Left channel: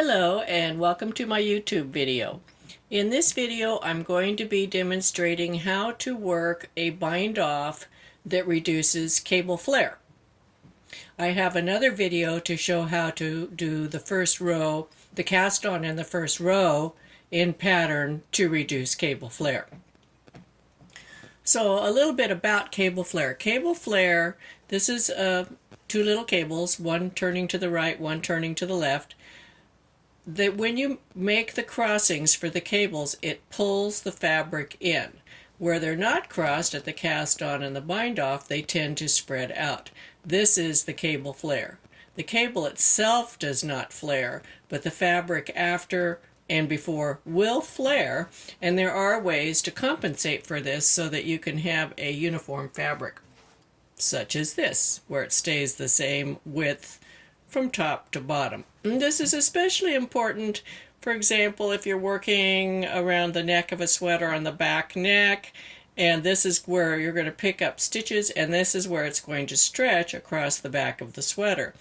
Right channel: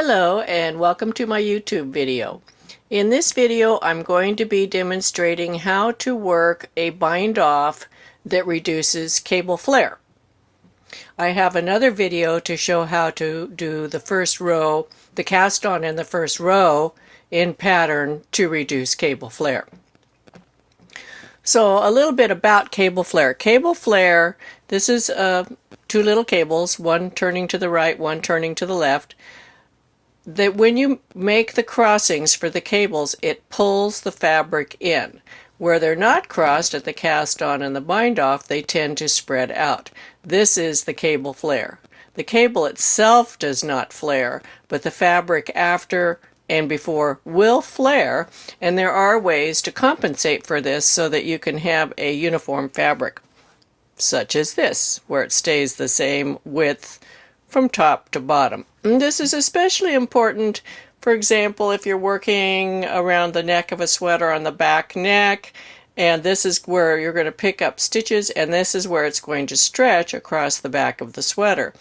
Hello and welcome to my YouTube video. In this video I'm going to be demonstrating how to work a bind off that reduces cable flare. I have another video to show how to do the first row, the cast on in the first row in pattern to reduce cable flare. So a little bit about cable flare. Cable flare, this is two little cables, one turning to the right, one turning to the left. That when you make the crossings for the cables, it pulls the fabric in. Where they're not crossed at the cast on and the bind off, they tend to spread out. This is the cable flare. The cable itself does not flare, but the fabric after and before will flare, and there are ways to compensate for this so that you can have a uniform fabric, such as this, where it stays the same width from top to bottom. And this is especially important, for example, if you're working around the neck of a sweater on the back neck, and this is where you're going to pick up stitches, and this is where it's going to stretch across the back of the sweater.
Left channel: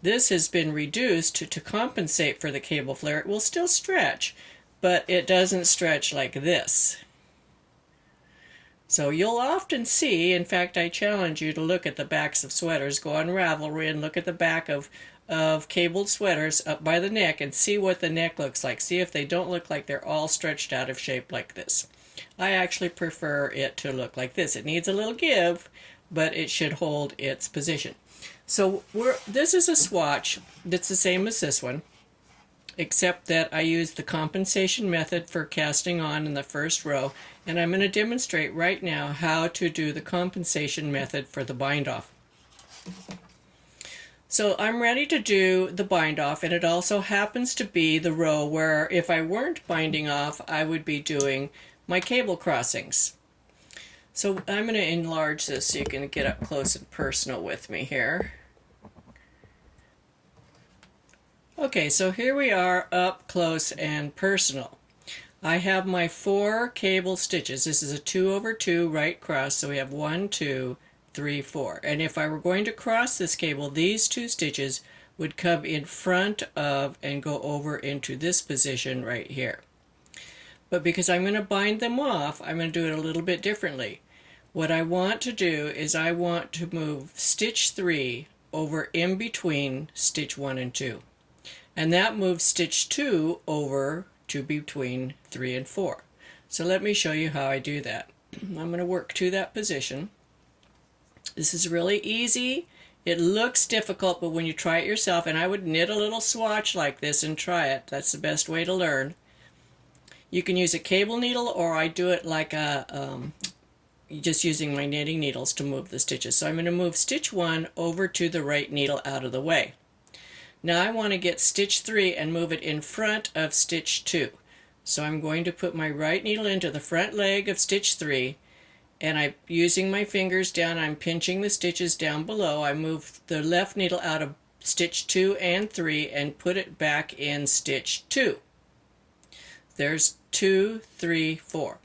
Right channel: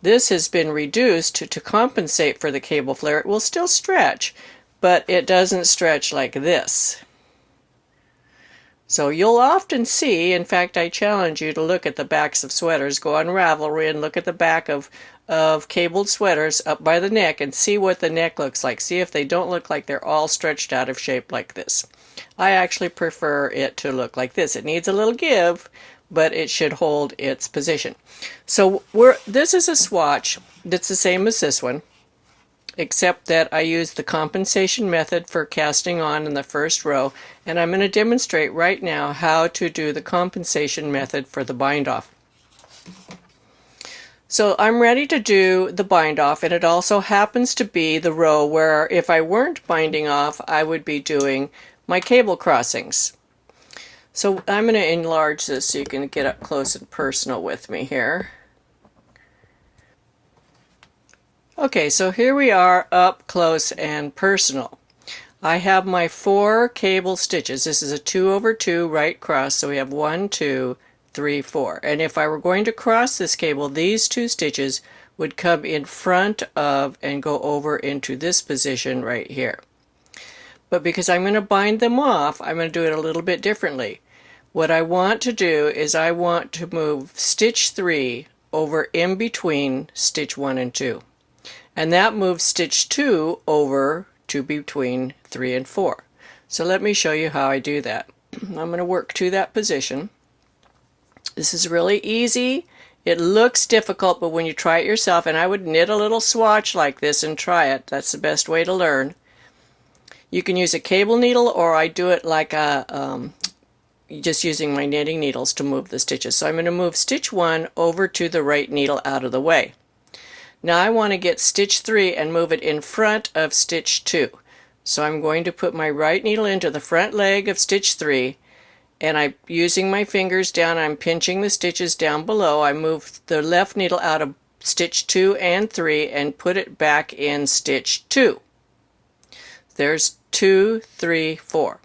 This has been reduced to compensate for the cable flare. It will still stretch, but it doesn't stretch like this. So you'll often see, in fact I challenge you to look at the backs of sweaters, go on Ravelry and look at the back of cabled sweaters up by the neck and see what the neck looks like. See if they don't look like they're all stretched out of shape like this. I actually prefer it to look like this. It needs a little give, but it should hold its position. So this is a swatch that's the same as this one, except that I use the compensation method for casting on in the first row, and I'm going to demonstrate right now how to do the compensation method for the bind off. So I'm ready to do the bind off, and it also happens to be the row where if I weren't binding off, I would be doing my cable crossings. So I'm going to enlarge this so you can get up close and personal with me here. Okay, so here we are up close and personal. I have my 4 cable stitches. This is a 2 over 2 right cross, so we have 1, 2, 3, 4. And if I were going to cross this cable, these 2 stitches would come in front of and go over into this position right here. But because I'm going to bind them off, I'm going to do it a little bit differently. What I want to do is I want to move stitch 3 over in between stitch 1 and 2. And that moves stitch 2 over to between 3 and 4. So let me show you how I do that. I'm going to work to that position. This is really easy. It looks difficult, but when you try it yourself, and I would knit a little swatch like this and try it. That's the best way to learn. You can use a cable needle, or I do it like just using my knitting needles to move the stitches. So I'm going to move stitch 1 over to the right needle out of the way. Now I want to get stitch 3 and move it in front of stitch 2. So I'm going to put my right needle into the front leg of stitch 3, and I'm using my fingers down, I'm pinching the stitches down below. I move the left needle out of stitch 2 and 3 and put it back in stitch 2. There's 2, 3, 4.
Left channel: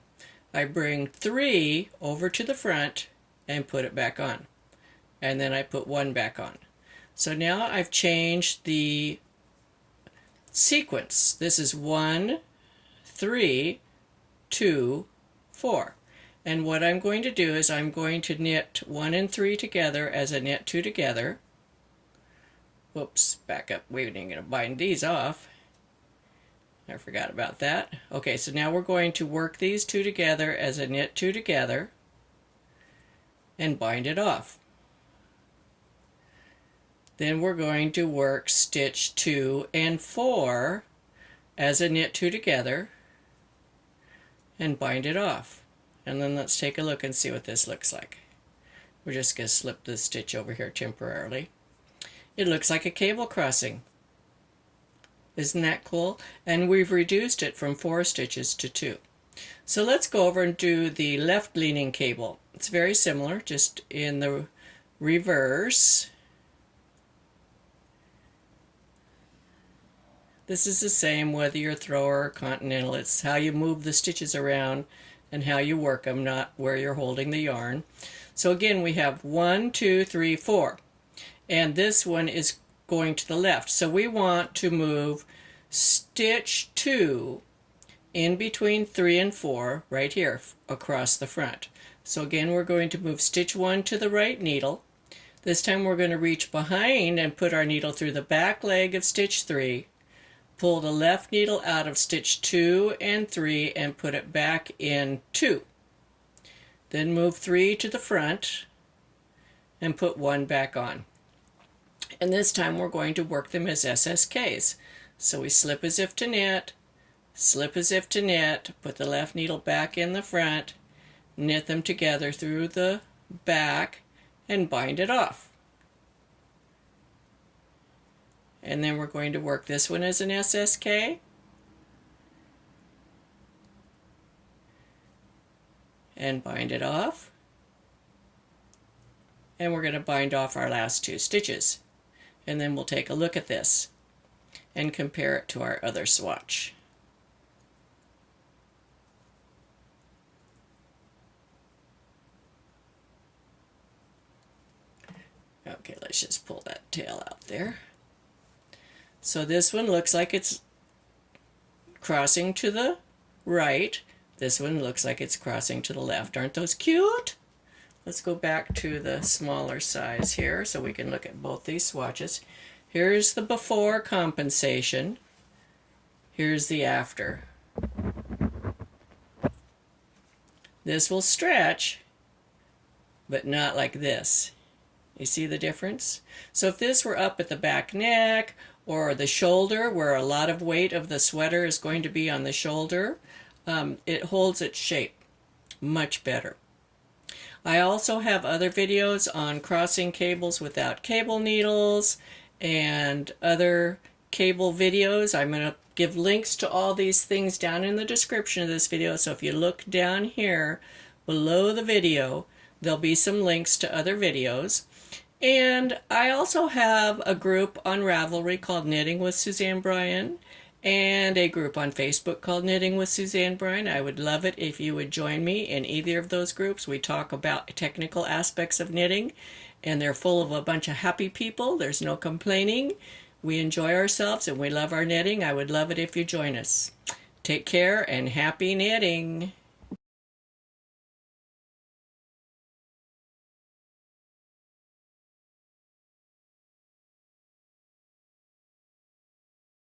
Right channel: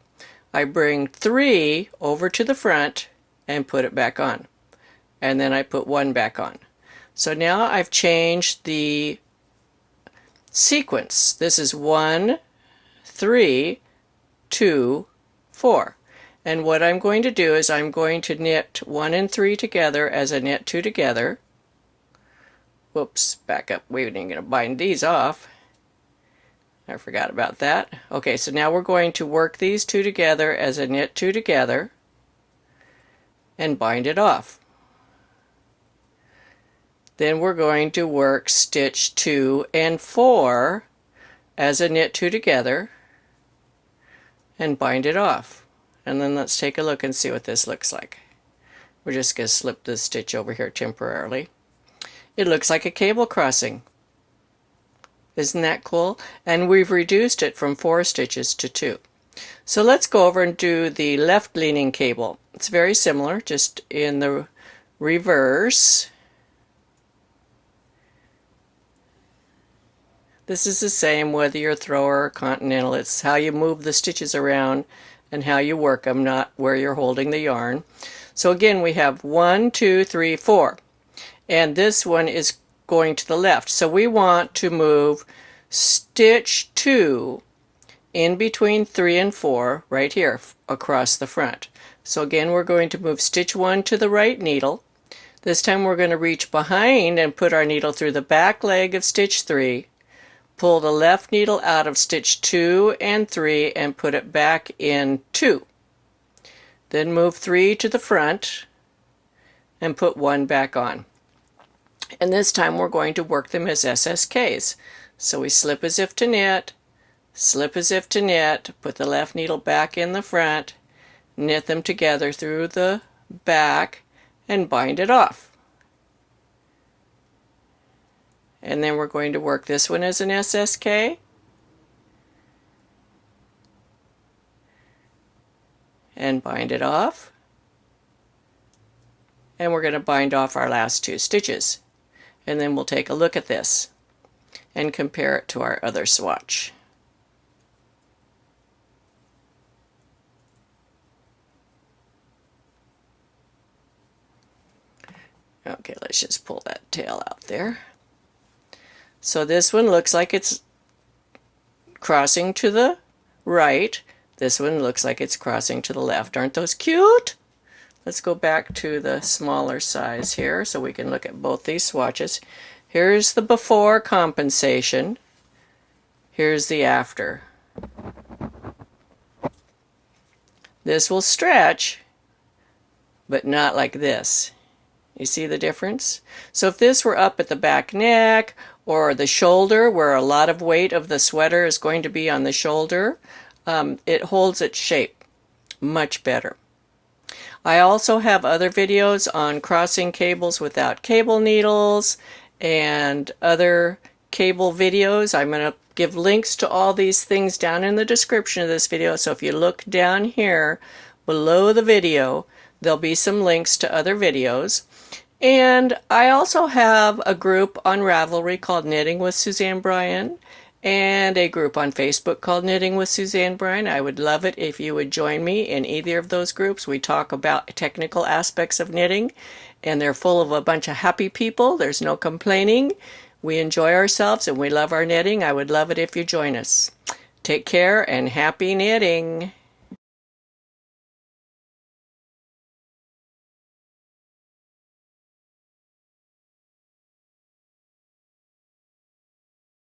I bring 3 over to the front and put it back on. And then I put 1 back on. So now I've changed the sequence. This is 1, 3, 2, 4. And what I'm going to do is I'm going to knit 1 and 3 together as I knit 2 together. Whoops, back up. We're going to bind these off. I forgot about that. Okay, so now we're going to work these 2 together as I knit 2 together and bind it off. Then we're going to work stitch 2 and 4 as I knit 2 together and bind it off. And then let's take a look and see what this looks like. We're just going to slip this stitch over here temporarily. It looks like a cable crossing. Isn't that cool? And we've reduced it from 4 stitches to 2. So let's go over and do the left leaning cable. It's very similar, just in the reverse. This is the same whether you're thrower or continental. It's how you move the stitches around and how you work them, not where you're holding the yarn. So again, we have 1, 2, 3, 4. And this one is going to the left. So we want to move stitch 2 in between 3 and 4 right here across the front. So again, we're going to move stitch 1 to the right needle. This time we're going to reach behind and put our needle through the back leg of stitch 3, pull the left needle out of stitch 2 and 3 and put it back in 2. Then move 3 to the front and put 1 back on. And this time we're going to work them as SSKs. So we slip as if to knit, slip as if to knit, put the left needle back in the front, knit them together through the back, and bind it off. And then we're going to work this one as an SSK. And bind it off. And we're going to bind off our last 2 stitches. And then we'll take a look at this and compare it to our other swatch. Okay, let's just pull that tail out there. So this one looks like it's crossing to the right. This one looks like it's crossing to the left. Aren't those cute? Let's go back to the smaller size here so we can look at both these swatches. Here's the before compensation. Here's the after. This will stretch, but not like this. You see the difference? So if this were up at the back neck or the shoulder, where a lot of weight of the sweater is going to be on the shoulder, it holds its shape much better. I also have other videos on crossing cables without cable needles and other cable videos. I'm going to give links to all these things down in the description of this video. So if you look down here below the video, there'll be some links to other videos. And I also have a group on Ravelry called Knitting with Suzanne Bryan, and a group on Facebook called Knitting with Suzanne Bryan. I would love it if you would join me in either of those groups. We talk about technical aspects of knitting, and they're full of a bunch of happy people. There's no complaining. We enjoy ourselves and we love our knitting. I would love it if you join us. Take care and happy knitting.